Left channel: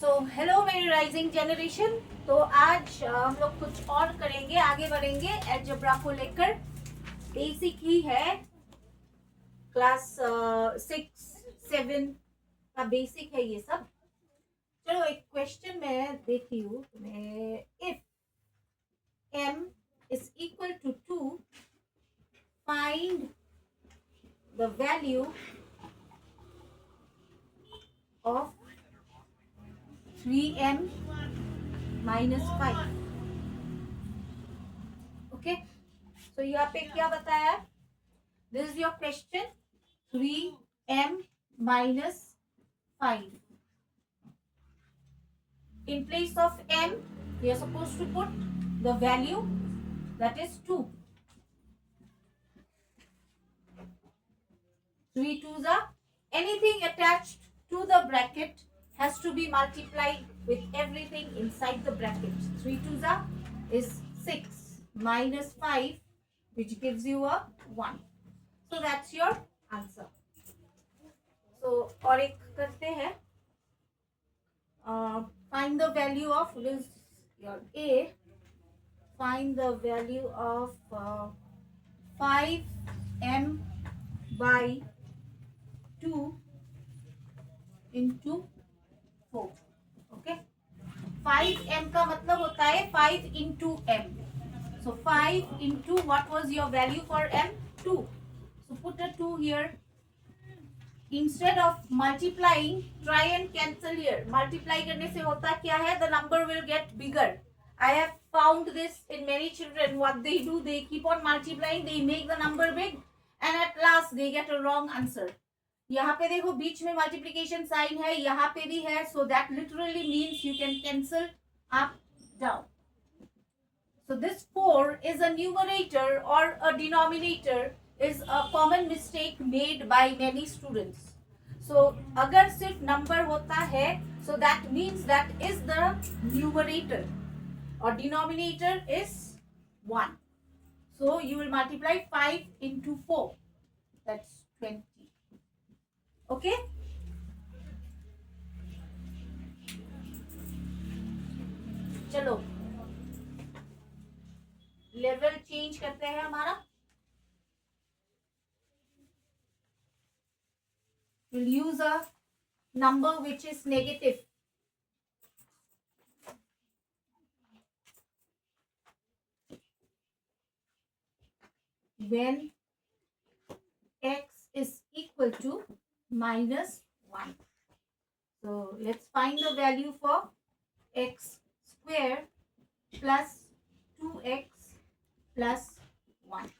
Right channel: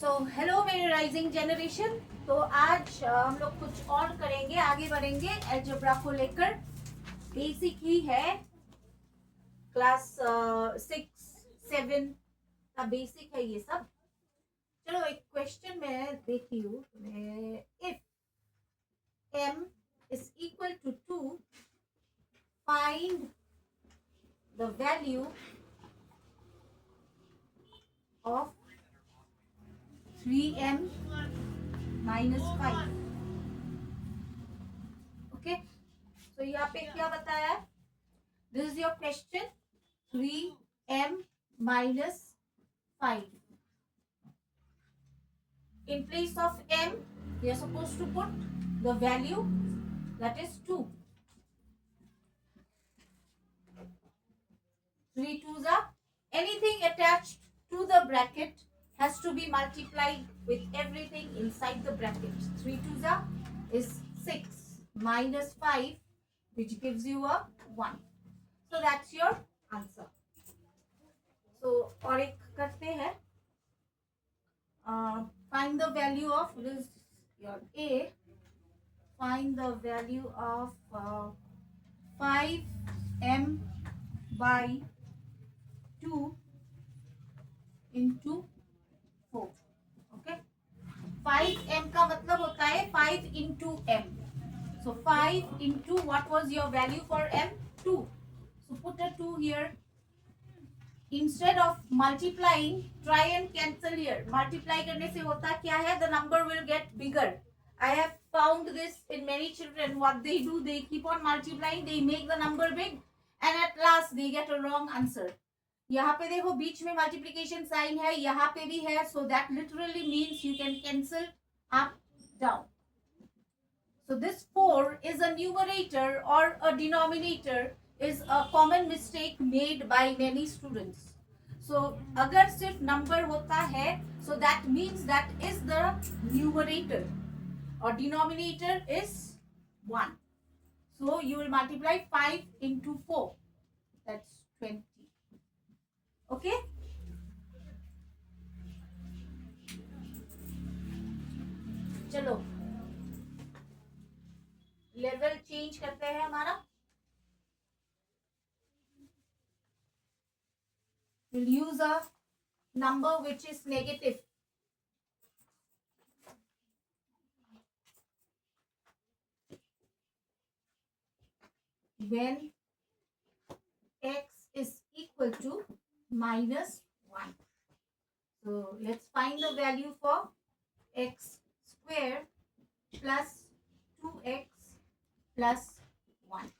So hello मेरी rising generation. तो आज हम लोग कुछ और करेंगे, आगे बढ़ेंगे एल्जेब्रा को लेकर। बेसिक ही है, क्लास 6 7 का बेसिक है ये सब। चलो एक क्वेश्चन मैं देती हूँ तुम्हें। If m is equal to 2, find the value of 3m minus 5। Okay, तो यहाँ पे क्या बताया? This is your question. 3m minus 5. In place of m, we are supposed to put the value that is 2. 3 twos are anything attached to the bracket has to be multiplied with everything inside the bracket. 3 twos are is 6 minus 5, which gives you a 1. So that's your answer. So और एक करते हैं. Find the value of this, your A. Find the value of 5m by 2 into 4. Okay, 5m का मतलब होता है 5 into m. So 5 into what was your value for m? 2. So put a 2 here. Instead of multiplying, try and cancel here. Multiply करने से होता क्या है? The number will get bigger. I have found this in many children. What they do, they keep on multiplying, they make the number big, and at last they get a wrong answer. यहाँ पे देखो बीच में multiplication sign है, यहाँ पे भी है, so that literally means you can cancel up, down. So this 4 is a numerator or a denominator is a common mistake made by many students. So अगर सिर्फ number होता है, so that means that is the numerator or denominator is 1. So you will multiply 5 into 4. That's 20. Okay? चलो level change करते हैं हमारा. We'll use a number which is negative. When x is equal to minus 1. So let's find the value for x square plus 2x plus 1.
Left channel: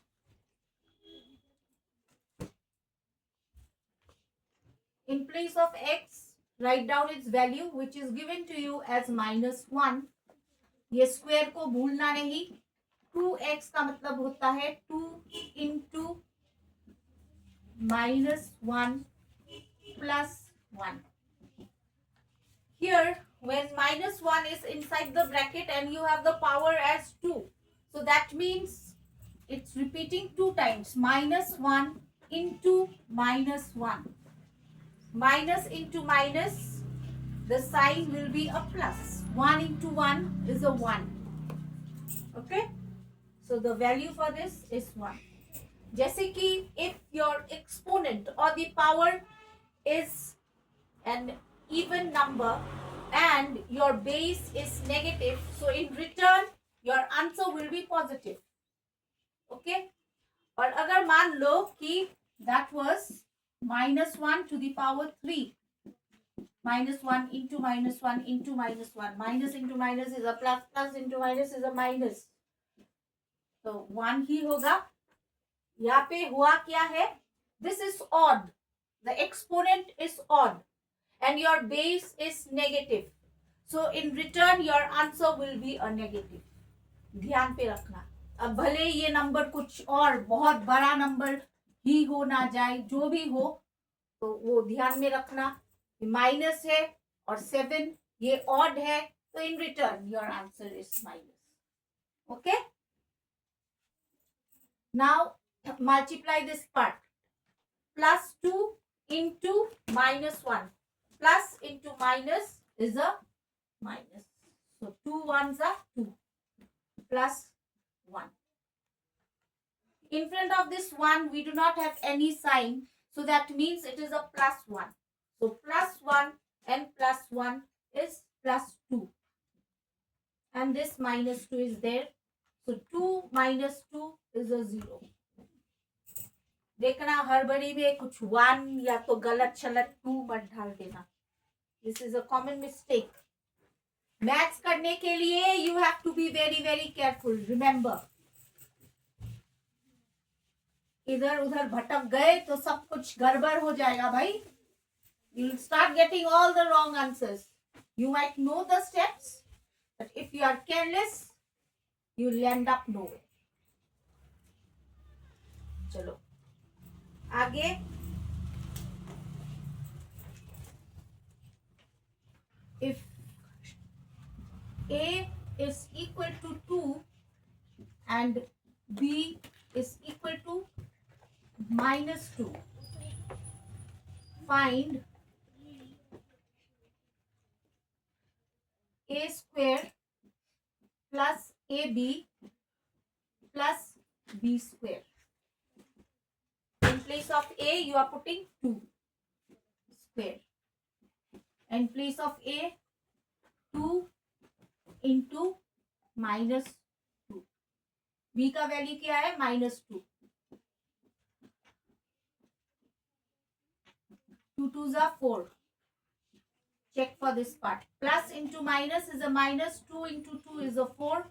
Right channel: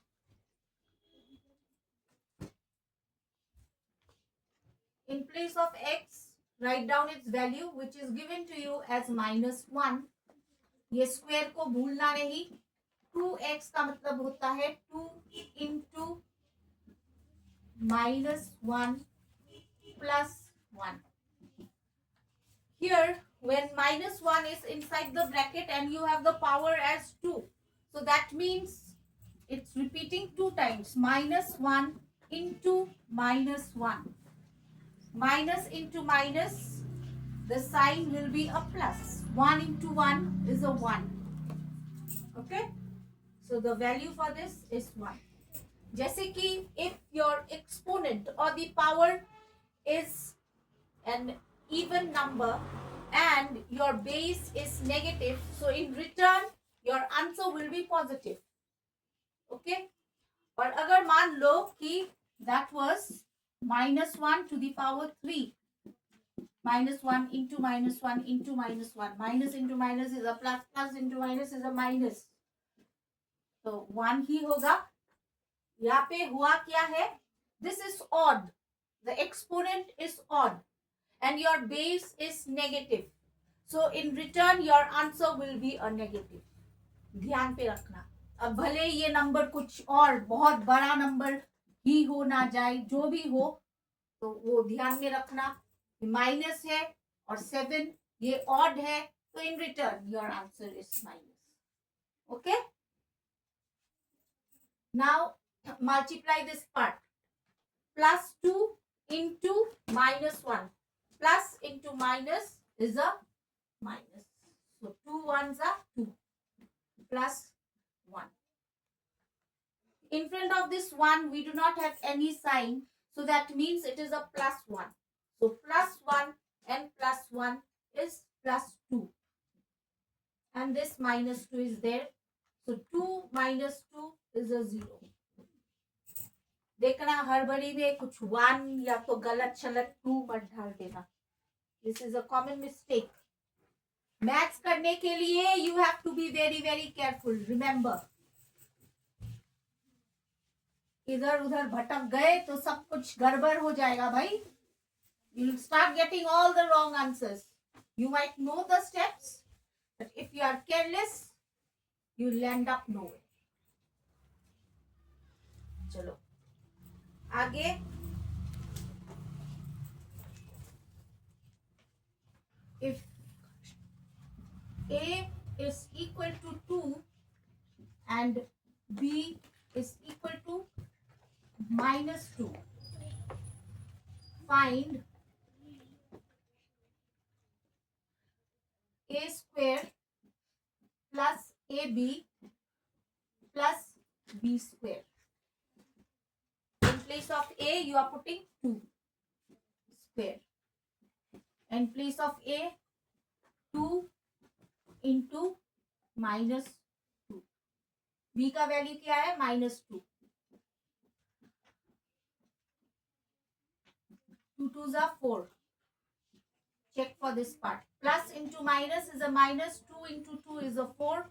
In place of x, write down its value which is given to you as minus 1. ये square को भूलना नहीं. 2x का मतलब होता है 2 into minus 1 plus 1. Here, when minus 1 is inside the bracket and you have the power as 2, so that means it's repeating 2 times. Minus 1 into minus 1. Minus into minus, the sign will be a plus. 1 into 1 is a 1. Okay? So the value for this is 1. जैसे कि if your exponent or the power is an even number and your base is negative, so in return your answer will be positive. Okay? और अगर मान लो कि that was minus 1 to the power 3. Minus 1 into minus 1 into minus 1. Minus into minus is a plus, plus into minus is a minus. तो 1 ही होगा. यहाँ पे हुआ क्या है? This is odd. The exponent is odd and your base is negative. So in return your answer will be a negative. ध्यान पे रखना. अब भले ये नंबर कुछ और बहुत बड़ा नंबर ही हो ना जाए, जो भी हो तो वो ध्यान में रखना. माइनस है और 7 ये ऑड है, तो in return your answer is minus. Okay, now multiply this part. Plus 2 into minus 1. Plus into minus is a minus. So 2 ones are 2 plus 1. In front of this 1, we do not have any sign. So that means it is a plus 1. So plus 1 and plus 1 is plus 2. And this minus 2 is there. So 2 minus 2 is a 0. देखना हड़बड़ी में कुछ 1 या तो गलत छलत 2 मत डाल देना. This is a common mistake. Maths करने के लिए you have to be very very careful. Remember. इधर उधर भटक गए तो सब कुछ गड़बड़ हो जाएगा भाई. You'll start getting all the wrong answers. You might know the steps, but if you are careless, you'll end up nowhere. चलो आगे. If A is equal to 2 and B is equal to minus 2, find A square plus AB plus B square. In place of A, you are putting 2 square. In place of A, 2 into minus 2. B का value क्या है? minus 2. 2 2s are 4. Check for this part. Plus into minus is a minus. 2 into 2 is a 4.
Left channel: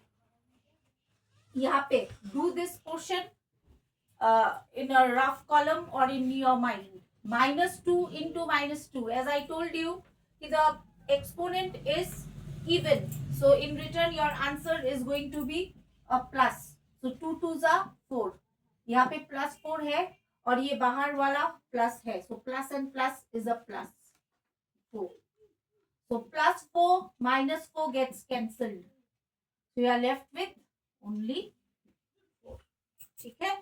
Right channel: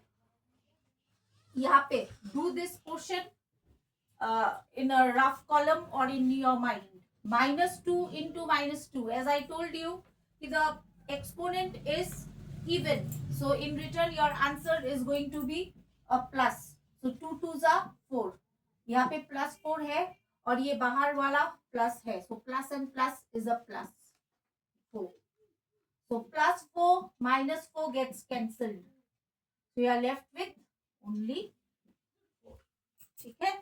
यहाँ पे do this portion in a rough column or in your mind. Minus 2 into minus 2. As I told you, the exponent is even. So in return, your answer is going to be a plus. So 2 2s are 4. यहाँ पे plus 4 है और ये बाहर वाला plus है. So plus and plus is a plus 4. So plus 4 minus 4 gets cancelled. So you are left with only 4. ठीक है.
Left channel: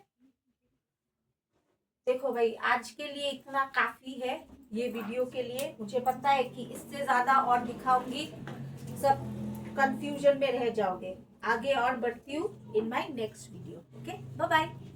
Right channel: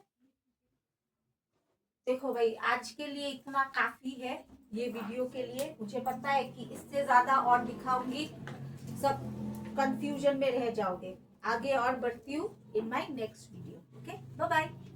देखो भाई, आज के लिए इतना काफी है ये वीडियो के लिए. मुझे पता है कि इससे ज्यादा और दिखाऊंगी सब कंफ्यूजन में रह जाओगे. आगे और बढ़ती हूँ in my next video. Okay, bye bye.